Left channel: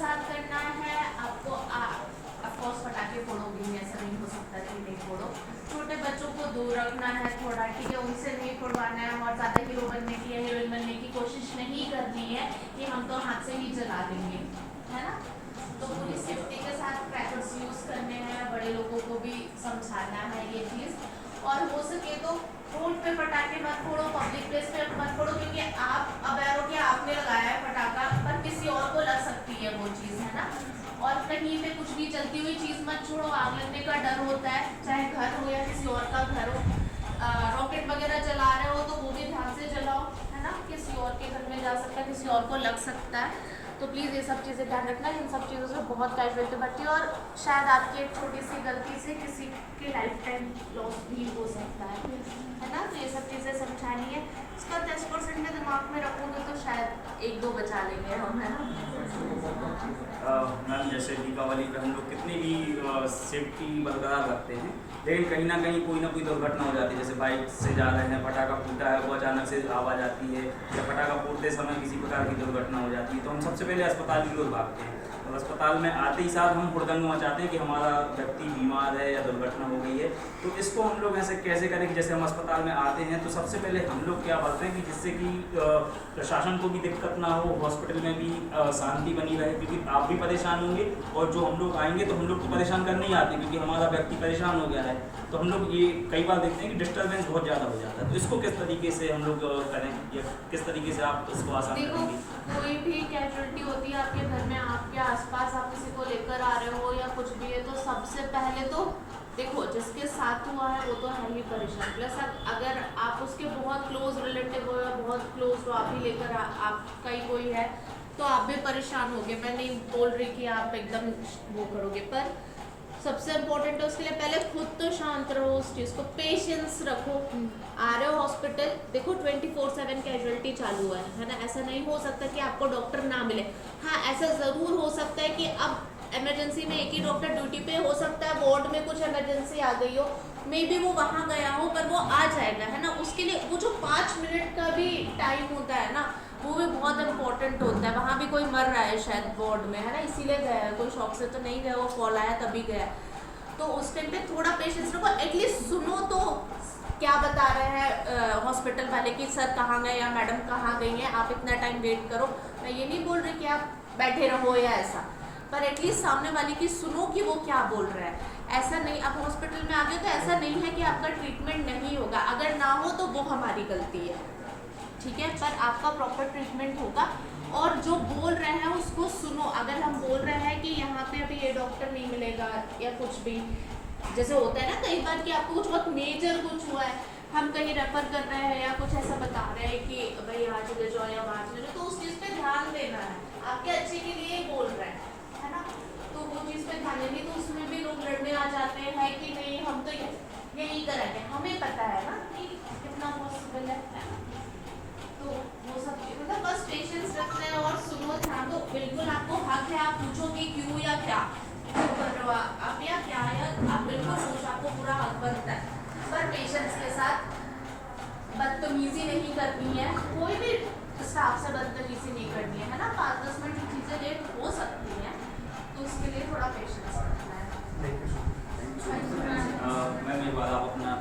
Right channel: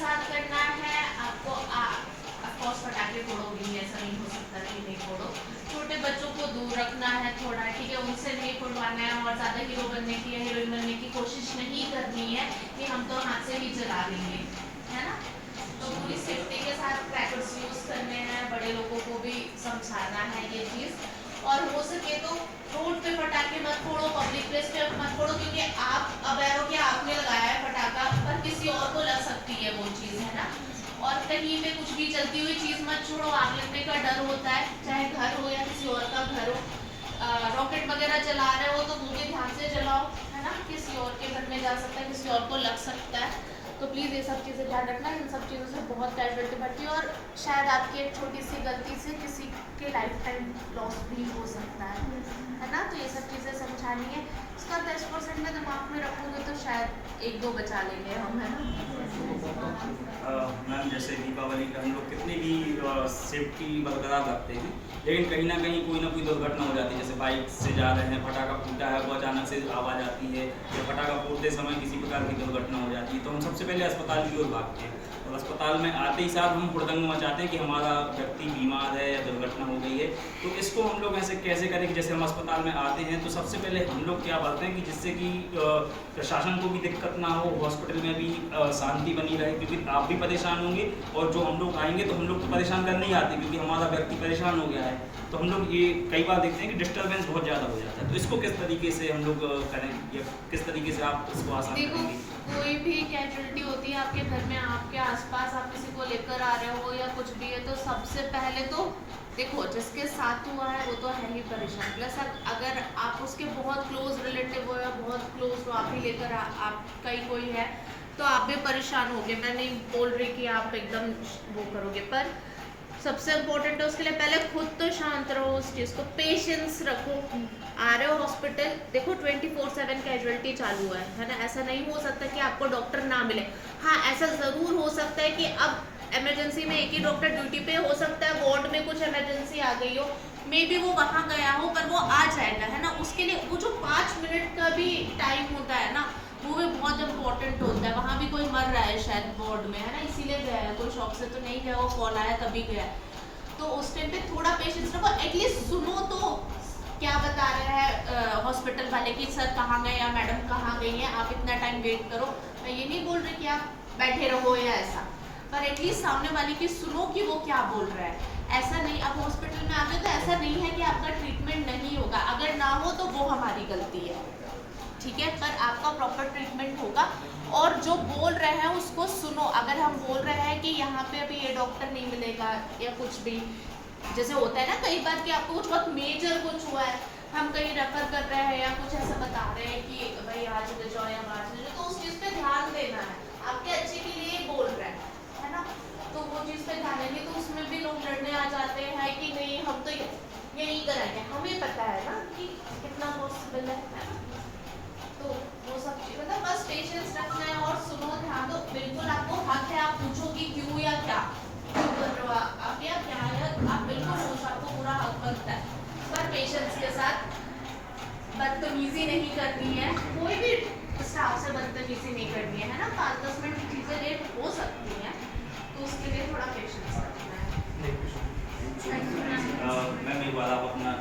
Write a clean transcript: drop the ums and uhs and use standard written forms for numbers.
साथ करना है आपको। ऑफकोर्स पटाखे फोड़ोगे ही, ऐसा नहीं हो सकता कि नहीं फोड़ो। छोटे बच्चों को दूर रखना है थोड़ा, ठीक है, उनसे नहीं फोड़वाना है। और ज़्यादा हीरो बनने की या हीरोइन बनने की कोशिश नहीं करनी है कि हम तो हाथ से ही जला देंगे, है ना। तो पूरी सेफ्टी के साथ क्रैकर्स यूज़ करने हैं, बड़े लोगों को भी समझाना है ये चीज़। और हो सके तो रोड पे पटाखे मत फोड़ो, पब्लिक प्लेस पे मत फोड़ो, क्योंकि आप अवेयर हो कि आपने लगाया है पटाखा, पर किसी और को लग सकती है वो चीज़, है ना। और कहीं पे कुछ भी जलती हुई चीज़ मत छोड़ो, आग लगने का डर होता है, चाहे घर हो या किसी और का घर हो। रॉकेट वगैरह जला रहे हो तो वो भी ध्यान से जलाओ, है ना, किसी और के घर में जा सकता है, किसी और को लग सकता है। तो प्लीज़ ये सब चीज़ें ध्यान रखना, इन सब चीज़ों से बहुत कैजुअलिटी बढ़ती है, और शायद आपकी एक छोटी सी गलती से किसी के लाइफ टाइम लॉस भी हो सकता है ना। तो ये सब चीज़ें समझानी है। इसका 10% में दिमाग में रखोगे तो शायद 1-2 बचा लेंगे हम, है ना। मैम जैसे दीपावली पे हम लोग कितनी भी सेफ्टी बरकरार रखते हैं, लेकिन कहीं ना कहीं कोई ना कोई दुर्घटना हो जाती है। जैसे बाइक से जा रहे हैं, पटाखा फूटा है, वो अचानक से आवाज़ आती है, या पटाखा फोड़ते समय किसी प्रकार की दुर्घटना हो जाती है, तो हम सबसे पहले अस्पताल की ओर भागते हैं। और अस्पताल में आते ही साथ हम हुड़दंग मचाते हैं कि हमारा व्यक्ति बीमार है या दुर्घटना हो गई है। तो इसको हम लोग ऐसे कैसे करें कि जैसे हम अस्पताल में आते हैं तो सबसे पहले हम लोग क्या बोलते हैं कि जिससे कि प्रशासन को भी दिक्कत ना हो, हॉस्पिटल में भी शांति बनी रहे, क्योंकि आप भी परेशान होंगे और जो हम लोग आएंगे तो हम लोग तो परेशान करने ही आते हैं, क्योंकि हमारा व्यक्ति परेशान हो गया है। तो हम लोग ये कई बार देखते हैं कि डिस्टर्बेंस बहुत ज़्यादा हो जाता है। तो इसको किस तरीके से हम लोग करें, या किस तरीके से आप इसको आसान करेंगे? कोई भी कैजुअलिटी होती है आपके घर में, आपके आसपास आप किसी को लेकर आ रहे हो या कुछ भी है, तो सबसे पहले तो देखो जिसके साथ हुआ है वो तो है ही परेशान, प्लस अगर आप उसके बहुत क्लोज रिलेटिव हो या बहुत क्लोज हो, आप ही लेकर आपका ही कोई है, तो आप भी परेशान होगे। मैं नहीं बोल रही कि आप एकदम वो करोगे, पर सबसे इम्पोर्टेंट है उसके लिए पहले खुद तो शांत रहो, उस चीज़ को पेशेंस रखो। आ रहे हो हॉस्पिटल, देखो 24/7 कैजुअलिटी चालू है ना। ऐसा नहीं हो सकता कि आपको डॉक्टर ना मिले। हाँ, ऐसा ज़रूर हो सकता है कि अब इमरजेंसी में एक ही डॉक्टर ड्यूटी पे हो सकता है, वार्ड में कुछ इमरजेंसी आ गई हो, मे बी वो वहाँ गया हो, पर वो आ जाएगा, है ना। उसके लिए वो जो 5 मिनट का भी टाइम होता है ना, वो भी बहुत इंपॉर्टेंट होता है। वहाँ भी कोई मर रहा है शायद वार्ड में, है ना, इसीलिए गया है, कोई शौक से तो नहीं गया, वो कॉल आया तभी गया। तो उस टाइम पे थोड़ा पेशेंस रखो, एटलीस्ट सुनो तो क्या बता रहे हैं हॉस्पिटल वाले कि सर कहाँ गए या मैडम कहाँ गई हैं, आप इतना टाइम वेट करो। मैं ये नहीं बोल रही कि आप बैठे रहो या ऐसा, पर एटलीस्ट सामने वाले की सुनो कि वो क्या बोल रहा है। ऐसा नहीं, आप हॉस्पिटल में आ गए तो ऐसा नहीं है कि आपका ट्रीटमेंट नहीं होगा, अगर ना हो तो वो हमारी गलती है, ठीक है, पर आपका प्रॉपर ट्रीटमेंट होगा। और जो बोल रहे हैं उसको सुनो। अगर हम बोल रहे हैं कि यहाँ पे अभी ये डॉक्टर नहीं मिलेगा या कुछ भी, जैसे होता है ना कई बार कि आपको कुछ बहुत मेजर कुछ हुआ है, हम कहीं रेफर कर रहे हैं या कुछ ऐसा बता रहे हैं कि भाई आज ले जाओ या वहाँ चले जाओ, तो उस चीज़ पे ध्यान देना है, आपके अच्छे के लिए बोल रहे हैं, है ना। तो वो चीज़ पे ध्यान देंगे, तो उसमें भी लोग लड़ने आ जाते हैं कि नहीं हम तो यही करेंगे, हमें पता है ना कि कितना पॉसिबल है ना। तो वो सब मतलब बस पेशेंस रखना है और सुनो, ध्यान दो। बिल्कुल आपको हक है, आप पूछोगे क्यों या क्या क्यों कर रहे हो आप या क्या, या आप बिल्कुल पूछो, आपको पूरा हक बनता है, पर पेशेंस के साथ। बदतमीजी नहीं करनी है, कोई भी स्टाफ से बदतमीजी नहीं करनी है ना। 5-10 मिनट की चीज़ें लेट हो सकती हैं, तो उसके लिए थोड़ा पेशेंस रखना है। मैम एक बार आप अपना